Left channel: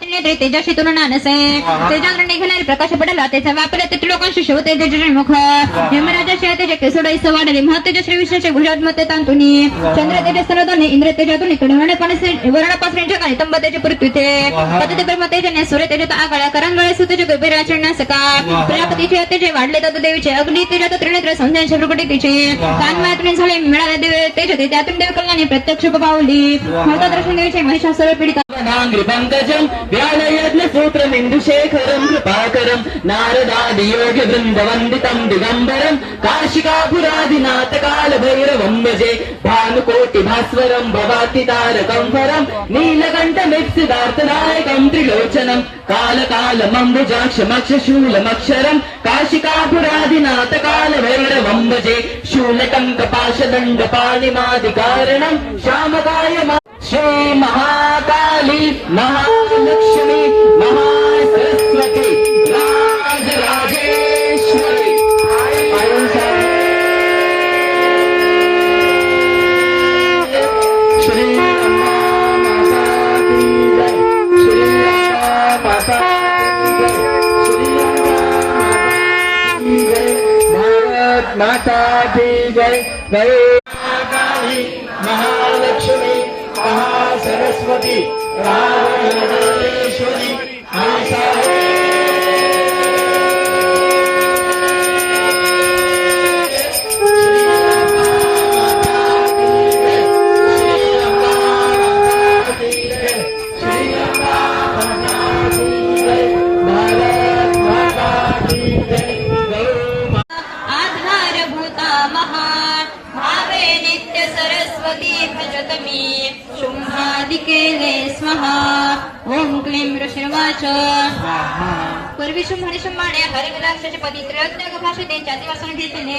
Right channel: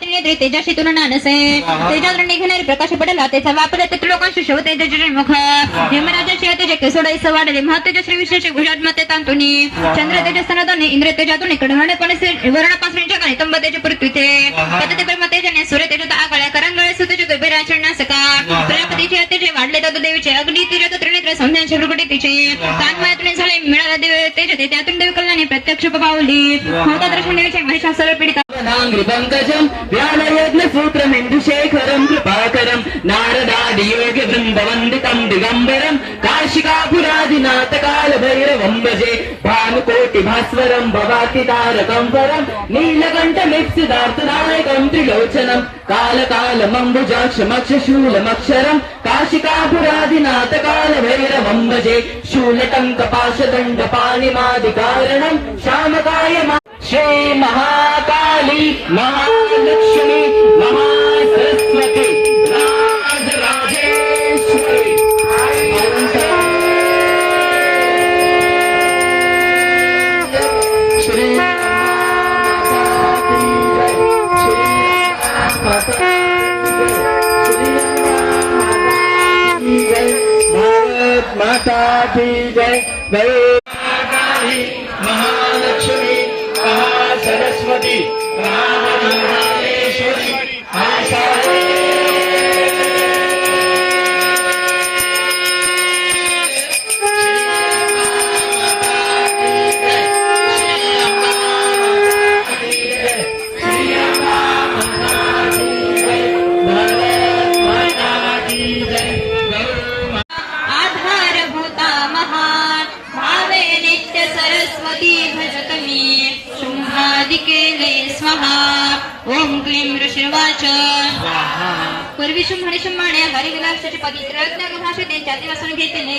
तेजाशी तुलना नसे तेजावर निघालेले प्रकाश पडला त्याचा वापर ते लोकांशी शोधते तेजमुख यमराजाशी तेजे केसोडाईस वाढले महतेजश्री विशेष गुजरात तांतुनी चंद्र तेज स्तनदाने इंद्र तेजातून कडवणे पाणी वर्णपासून जगाने तंब तेज पृथ्वीते पतते ब्रह्म तेजने सूर्य तेजात आगळ्या करंगळे सुतेज गैबराचरण्या सकाळ प्रजापतीचे तेजे वाढले तर देवीचे अग्नी तेजात त्रिनेत्र संध्यांचे प्रकटितीचे तान्मयातून झाले मिळाले देव तेज ते त्यातून देव कल्याणे प्रत्यक्ष पावली होता दर्शन देवीचे महिषासुर पीडिता पंकजम व्यालयज्ञ सूत्रमिन्दुशेखरं कृपाकरं नारदादि योग वृन्दवन्दितं दिगम्बरं काशिकापुरादिनाथ कालभैरवं भजे भानुकोटि भास्वरं भवाति तारकं परं नीलकण्ठमिप्सिदार्थदायकं त्रिलोचनं कालकालमम्बुजाक्षमक्षशूलमक्षरं काशिकापुरादिनाथ कालभैरवं भजे शूलटङ्कपाशदण्डपाणिमादिकारणं श्यामकाय श्री महाकाली महालक्ष्मी महासरस्वती राजराजेश्वरी श्री भारत माता की जय जय महालक्ष्मी सरस्वती राजराजेश्वरी आधारभूता महान भावे नित्य सरस्वती भजत मी शुंभादिकेले स्वाहा ओम क्लीं ऋषिर्वाच पूर्वी शुंभणे शुंभाणे हरिविलासाच्या पवित्र भाषेत त्यांच्या दिवसाने घेतले